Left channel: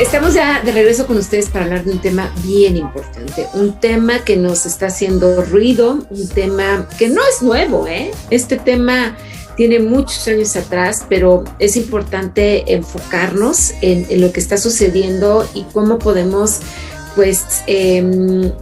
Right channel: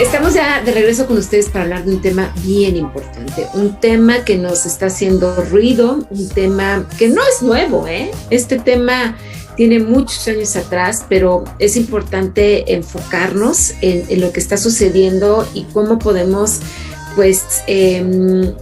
Estamos ya de regreso con ustedes para hablar de un tema bien importante, un tema que nos está haciendo ruido, un tema que no es nuevo, ¿eh? Este tema tiene muchos años atrás, pero es importante enfocarnos en lo que está sucediendo y cómo podemos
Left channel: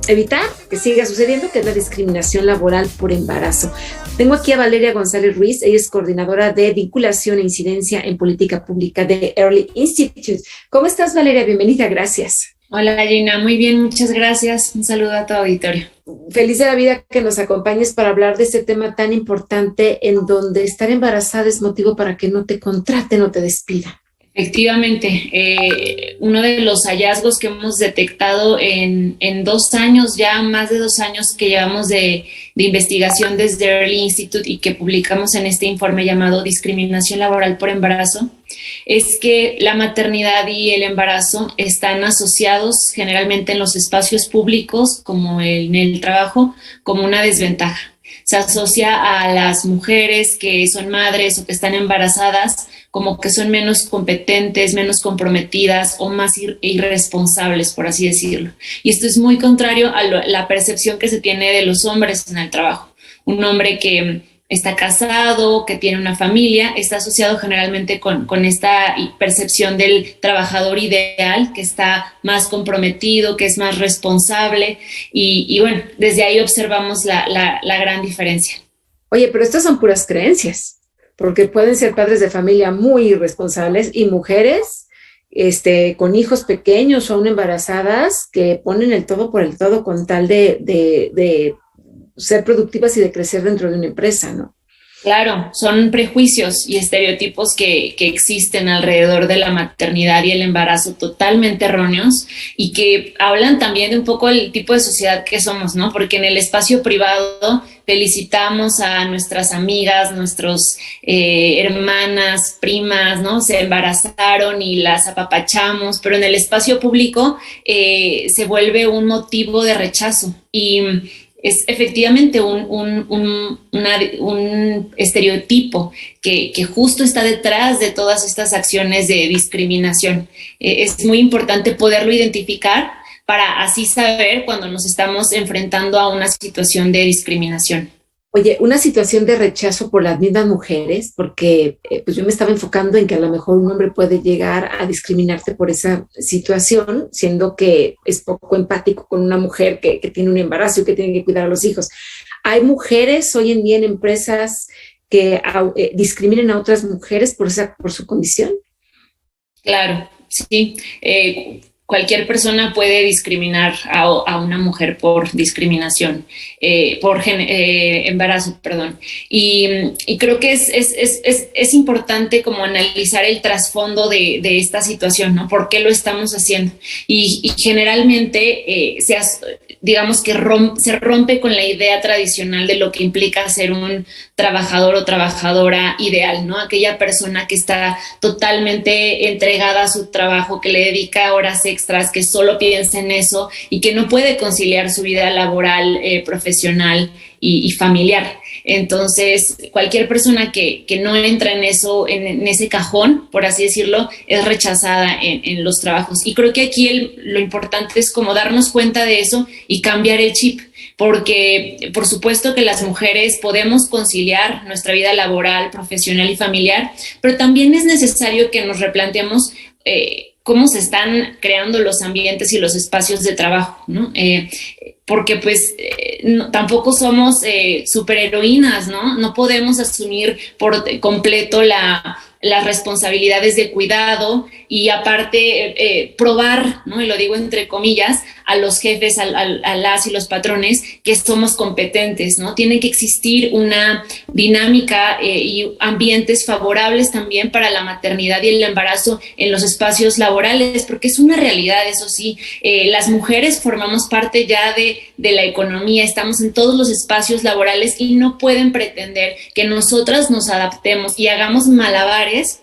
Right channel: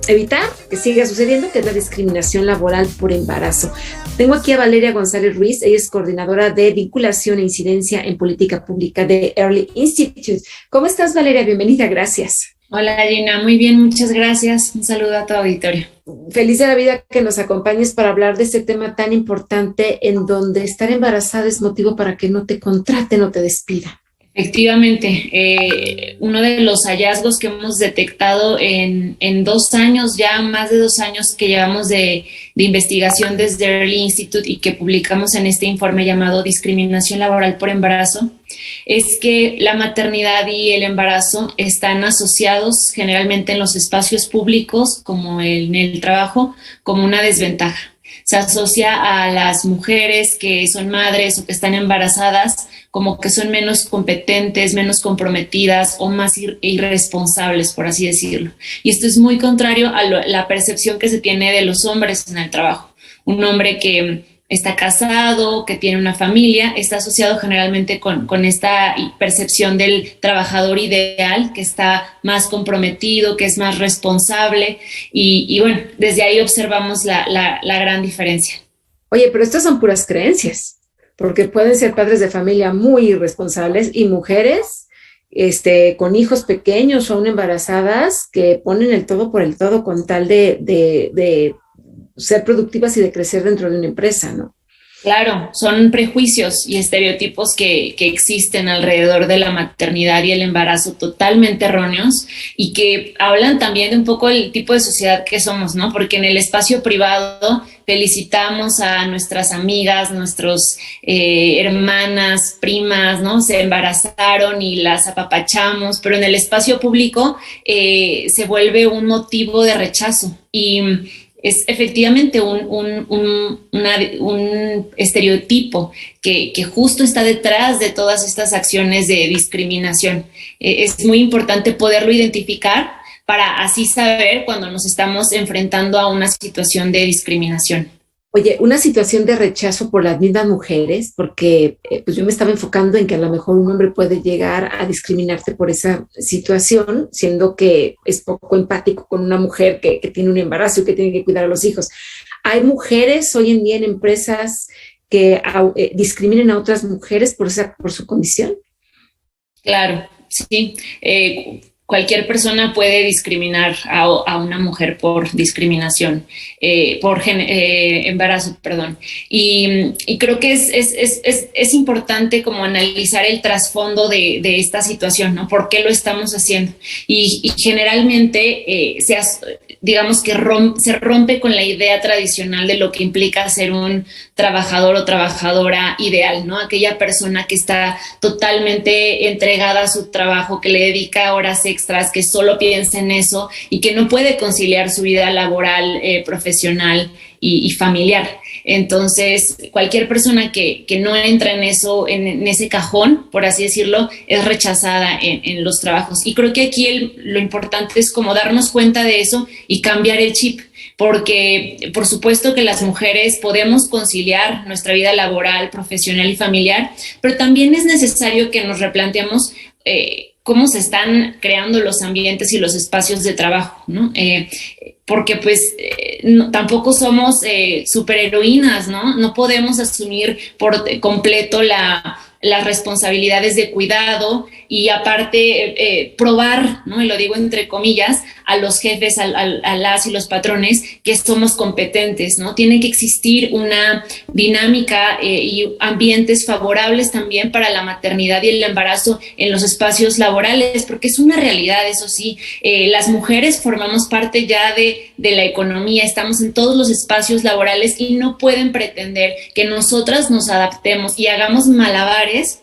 evitar que siga sucediendo, que es la discriminación laboral por embarazo. Tengo aquí a Valeria González Ruiz, ella es coordinadora de vinculación e incidencia en política pública de Early Institute. ¿Cómo estás, Valeria? Bienvenida, gracias. Hola Gina, muy bien, muchas gracias. Un saludo a tu auditorio. Feliz de la vida que nos acompañes para hablar de este tema tan importante en donde estar embarazada es motivo para que no te contraten o te despidan. Efectivamente, uno de los hallazgos que hemos detectado en 2 años, ya más de 2 años que llevamos de investigación desde Early Institute y que publicamos en este informe llamado Discriminación Laboral por Embarazo, es que la maternidad y el embarazo están asociados generalmente en los espacios públicos, como en el trabajo, como una desventaja. Se asocia a las mujeres que son madres o que están embarazadas como que son menos competentes, menos comprometidas o más irresponsables, por así decirlo. Y esto es muy contrario a la percepción que se tiene de los hombres en el trabajo. Un hombre que está casado, que tiene una familia, está asociado generalmente con esta percepción del trabajador ideal, que está más comprometido, que es más responsable. Y bueno, desde ahí observamos la gran diferencia. Oye, pero estas son puras creencias, porque pueden ser padres de familia muy irresponsables y mujeres con hijos pequeños o aún embarazadas que ponen el todo por el todo con tal de ser productivas y de crecer dentro de una empresa, ¿no? Claro, son prejuicios y estereotipos que existen alrededor de la maternidad y el embarazo totalmente erróneos y que hablan también de un poco el tipo de sociedad que somos, ¿no? Porque en el espacio privado felicitamos a nuestras amigas, nuestros hermanas, primas, ¿no? Se embarazaron y las apapachamos, pero en el espacio público se vuelve un motivo de rechazo y es efectivamente un estereotipo que justo está detrás de todas estas acciones de discriminación. Es muy importante poderlo identificar para así saber cuando nos estamos enfrentando a una situación de discriminación. Oye, una situación de rechazo por las mismas mujeres, porque pues yo me estaba enfocando en que a lo mejor un hombre puede llegar a discriminarte por esa situación, siendo que es poco empático con una mujer que tiene un embarazo y que tiene que cuidar a los hijos. Hay mujeres hoy en día en empresas que discriminen a otras mujeres por su condición. Claro, sí. Cualquier persona puede discriminar a una mujer por discriminación, por embarazo, perdón. Y creo que es importante como analizar el trasfondo de esta situación, ¿no? ¿Por qué lo estamos haciendo? Y generalmente digamos que se rompe con la idea tradicional de lo que implica ser un trabajador o trabajadora ideal, ¿no? Aquella persona que está totalmente entregada a su trabajo, que le dedica horas extras, que solo piensa en eso y que no puede conciliar su vida laboral, profesional y familiar. Entonces, cualquier persona que no entra en eso, en ese cajón, por así decirlo, es rechazada en los trabajos. Y creo que aquí lo importante es como darnos cuenta de eso y cambiar el chip. Porque por supuesto que las mujeres podemos conciliar nuestra vida laboral, profesional y familiar, pero también es necesario que nos replanteemos cómo se están creando los ambientes y los espacios de trabajo, ¿no? Porque pues tampoco somos superheroínas, ¿no? No podemos asumir por completo las responsabilidades de cuidado y aparte probar, ¿no? Y lo digo entre comillas, a los jefes, a las y los patrones que somos competentes, ¿no? Tiene que existir una dinámica y ambientes favorables también para la maternidad y el embarazo en los espacios laborales, porque es una realidad, eso sí, las mujeres formamos parte ya de la economía, estamos en todos los espacios laborales y no pueden pretender que nosotras nos adaptemos y hagamos malabares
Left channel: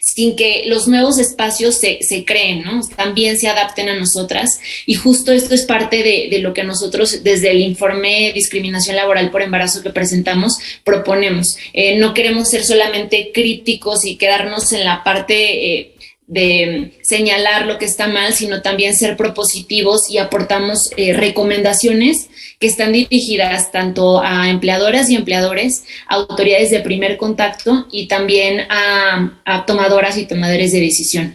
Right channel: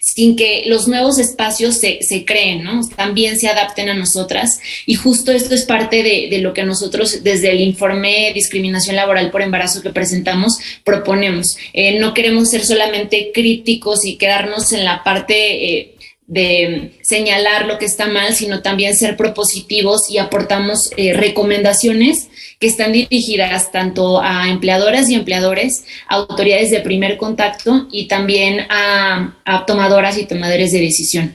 sin que los nuevos espacios se creen, ¿no? También se adapten a nosotras. Y justo esto es parte de lo que nosotros desde el informe Discriminación Laboral por Embarazo que presentamos proponemos. No queremos ser solamente críticos y quedarnos en la parte de señalar lo que está mal, sino también ser propositivos y aportamos recomendaciones que están dirigidas tanto a empleadoras y empleadores, a autoridades de primer contacto y también a tomadoras y tomadores de decisión.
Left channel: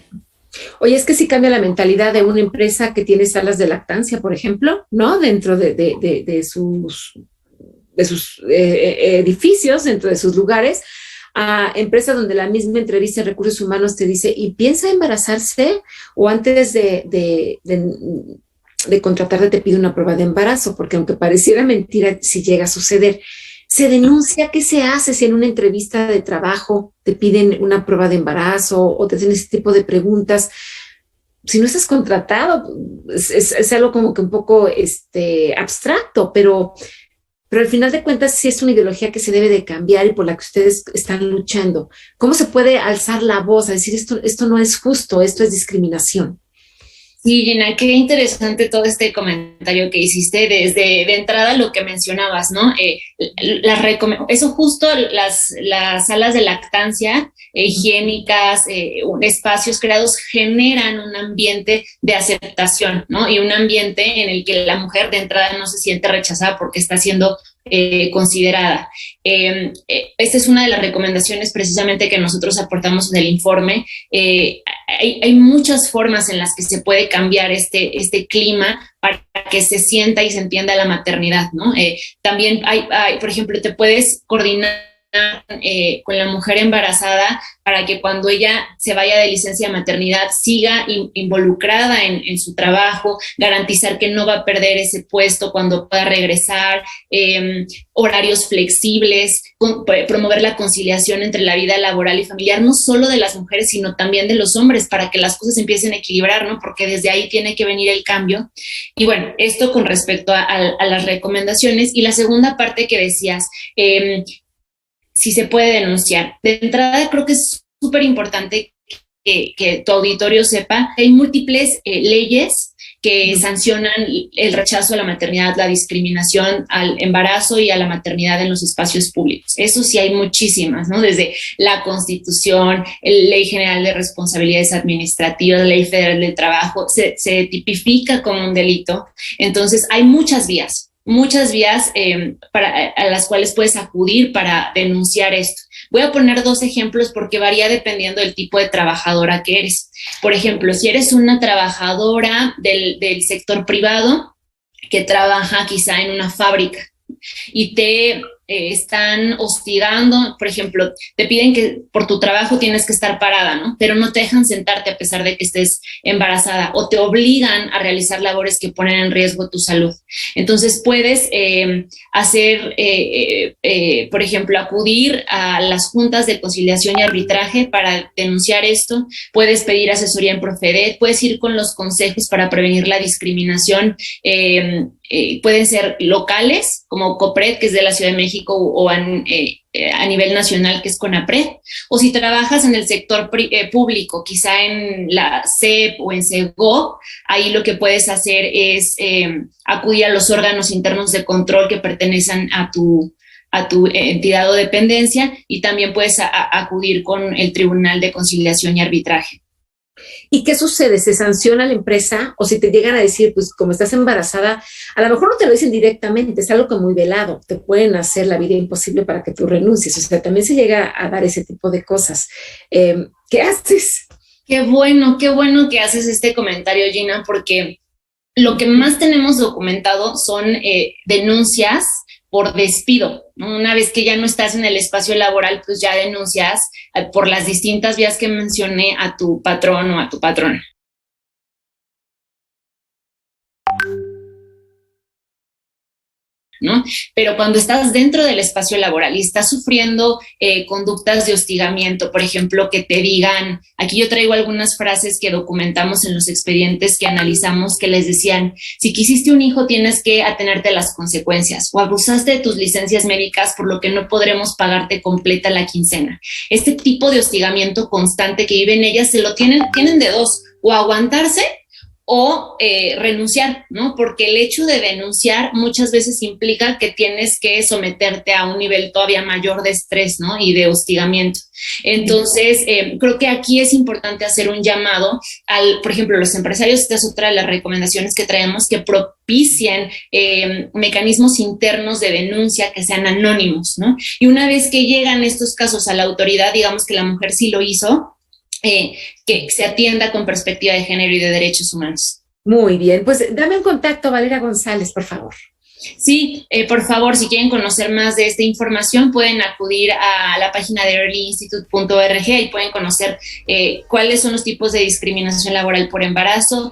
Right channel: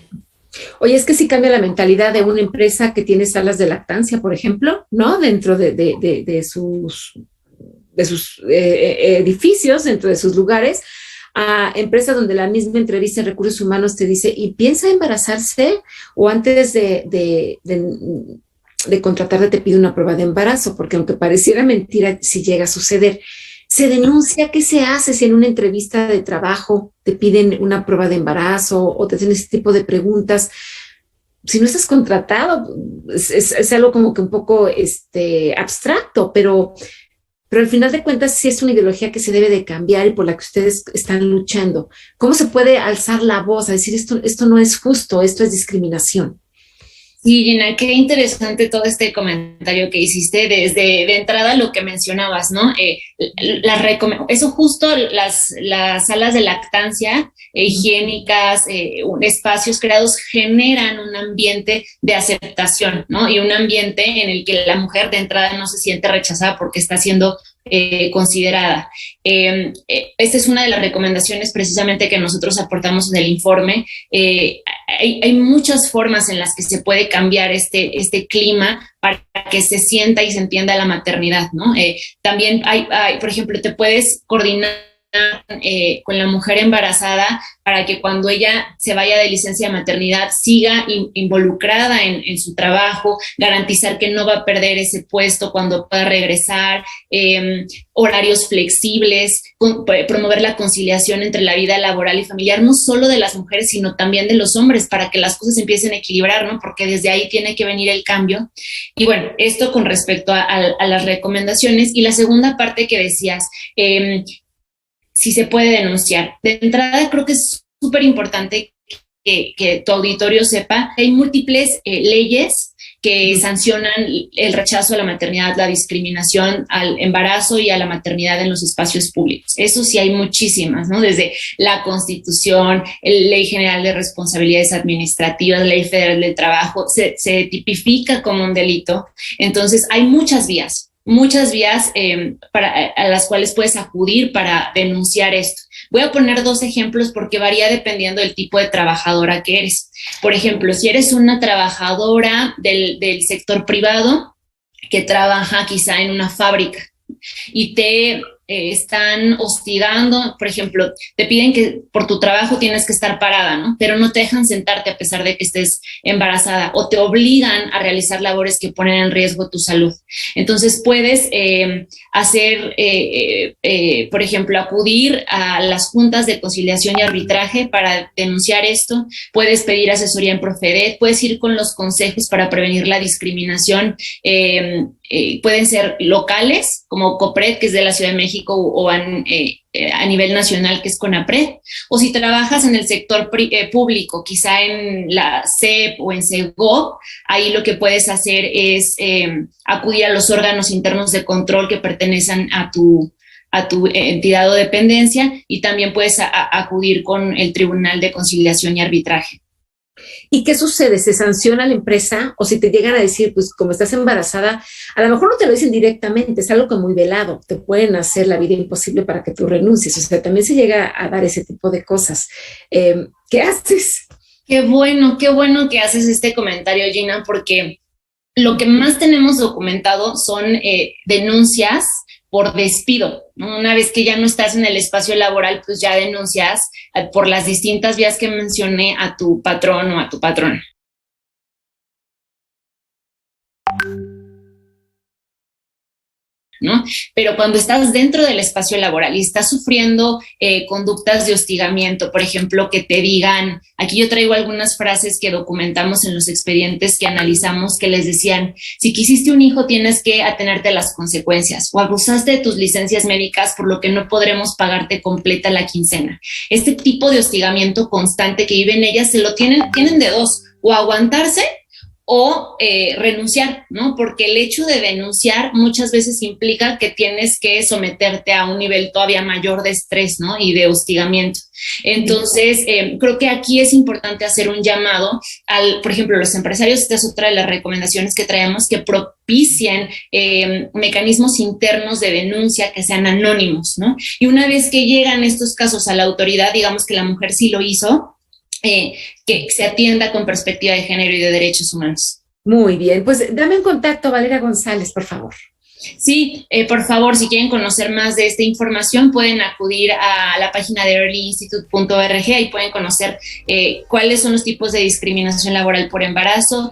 Oye, es que sí cambia la mentalidad de una empresa que tiene salas de lactancia, por ejemplo, ¿no? Dentro de sus edificios, dentro de sus lugares, a empresas donde la misma entrevista de recursos humanos te dice, ¿y piensa embarazarse? O antes de contratarte te pide una prueba de embarazo, porque aunque pareciera mentira, si llega a suceder, se denuncia. ¿Qué se hace si en una entrevista de trabajo te piden una prueba de embarazo o te hacen ese tipo de preguntas? Si no estás contratado, es algo como que un poco abstracto, pero al final de cuentas sí es una ideología que se debe de cambiar y por la que ustedes están luchando. ¿Cómo se puede alzar la voz a decir esto no es justo, esto es discriminación? Sí, Gina, qué interesante todo este comentario que hiciste desde de entrada lo que mencionabas, ¿no? Eso justo las salas de lactancia higiénicas, espacios creados generan un ambiente de aceptación, ¿no? Y un ambiente en el que la mujer de entrada no se siente rechazada porque está siendo considerada. Esta es una de las recomendaciones precisamente que nosotros aportamos en el informe. Hay muchas formas en las que se puede cambiar este clima para que se sienta y se entienda la maternidad, ¿no? También por ejemplo, te puedes coordinar con la mujer embarazada para que cuando ella se vaya de licencia de maternidad siga involucrada en su trabajo, garantizar que no va a perder ese puesto cuando pueda regresar, horarios flexibles, promover la conciliación entre la vida laboral y familiar, no solo de las mujeres, sino también de los hombres, para que las cosas empiecen a equilibrar, ¿no? Porque desde ahí tiene que venir el cambio. Y bueno, esto con respecto a las recomendaciones. Y la segunda parte que decías, si se puede denunciar. De entrada, creo que es súper importante que tu auditorio sepa que hay múltiples leyes que sancionan el rechazo a la maternidad, la discriminación al embarazo y a la maternidad en los espacios públicos. Eso sí hay muchísimas, ¿no? Desde la Constitución, la Ley General de Responsabilidades Administrativas, la Ley Federal del Trabajo, se tipifica como un delito. Entonces, hay muchas vías a las cuales puedes acudir para denunciar esto. Voy a poner 2 ejemplos porque varía dependiendo del tipo de trabajadora que eres. Por ejemplo, si eres una trabajadora del sector privado que trabaja quizá en una fábrica y te están hostigando, por ejemplo, te piden que por tu trabajo tienes que estar parada, ¿no? Pero no te dejan sentarte a pesar de que estés embarazada o te obligan a realizar labores que ponen en riesgo tu salud. Entonces puedes por ejemplo, acudir a las juntas de conciliación y arbitraje para denunciar esto, puedes pedir asesoría en Profedet, puedes ir con los consejos para prevenir la discriminación, pueden ser locales, como COPRED, que es de la Ciudad de México, o a nivel nacional, que es CONAPRED, o si trabajas en el sector público, quizá en la SEP o en SEGOV, ahí lo que puedes hacer es acudir a los órganos internos de control que pertenecen a tu entidad o dependencia, y también puedes acudir con el Tribunal de Conciliación y Arbitraje. ¿Y qué sucede? ¿Se sanciona a la empresa? O si te llegan a decir, pues como estás embarazada, a lo mejor no te lo dicen directamente, es algo como muy velado, te pueden hacer la vida imposible para que tú renuncies. O sea, también se llega a dar ese tipo de cosas. ¿Qué haces? Qué bueno que haces este comentario, Gina, porque lo que más tenemos documentado son denuncias por despido, ¿no? Una vez que ya no estás en el espacio laboral, pues ya denuncias por las distintas vías que mencioné a tu patrón o a tu patrona. ¿No? Pero cuando estás dentro del espacio laboral y estás sufriendo conductas de hostigamiento, por ejemplo, que te digan, aquí yo traigo algunas frases que documentamos en los expedientes que analizamos, que les decían, si quisiste un hijo tienes que atenerte a las consecuencias, o abusaste de tus licencias médicas por lo que no podremos pagarte completa la quincena. Este tipo de hostigamiento constante que viven ellas, tienen de dos, o aguantarse o renunciar, ¿no? Porque el hecho de denunciar muchas veces implica que tienes que someterte a un nivel todavía mayor de estrés, ¿no? Y de hostigamiento. Entonces, creo que aquí es importante hacer un llamado por ejemplo, los empresarios. Esta es otra de las recomendaciones que traemos, que propicien mecanismos internos de denuncia que sean anónimos, ¿no? Y una vez que llegan estos casos a la autoridad, digamos que la mujer sí lo hizo, que se atienda con perspectiva de género y de derechos humanos. Muy bien, pues dame un contacto, Valeria González, por favor. Sí, por favor, si quieren conocer más de esta información, pueden acudir a la página de earlyinstitute.org y pueden conocer cuáles son los tipos de discriminación laboral por embarazo,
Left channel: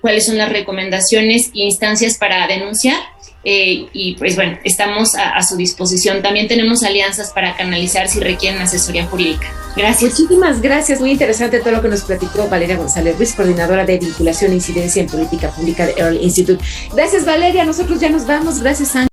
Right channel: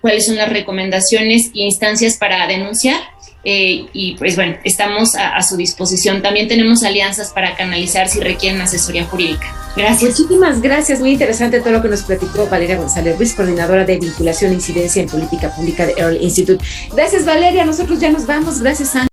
cuáles son las recomendaciones e instancias para denunciar. Y pues bueno, estamos a su disposición. También tenemos alianzas para canalizar si requieren asesoría jurídica. Gracias. Muchísimas gracias, muy interesante todo lo que nos platicó Valeria González Ruiz, coordinadora de vinculación e incidencia en política pública de Early Institute. Gracias, Valeria, nosotros ya nos vamos. Gracias, Ángel.